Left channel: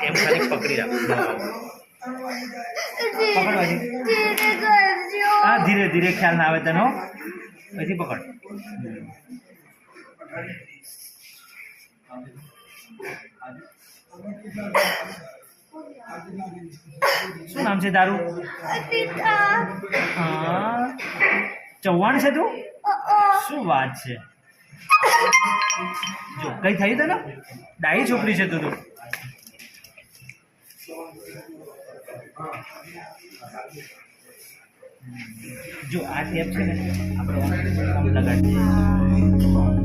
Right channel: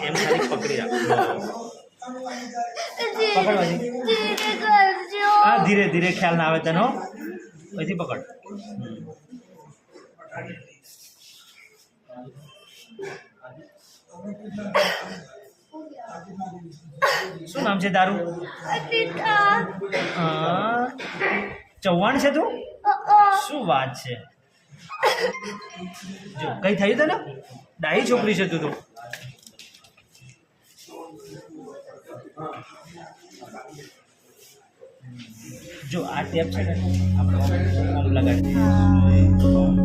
એમ ખાલી પકડી રાખ પકડવાથી હા ધીરે ધીરે ખ્યાલ ના આવે તનો પછી પકડ શું નામ છે તારું ચૌહાણ છે તું શું વાત છે જો કઈ થયું તને ડાહી છોકરી છે તું જો આ ટેપ છે ને આપણે ઓમ લગાડીએ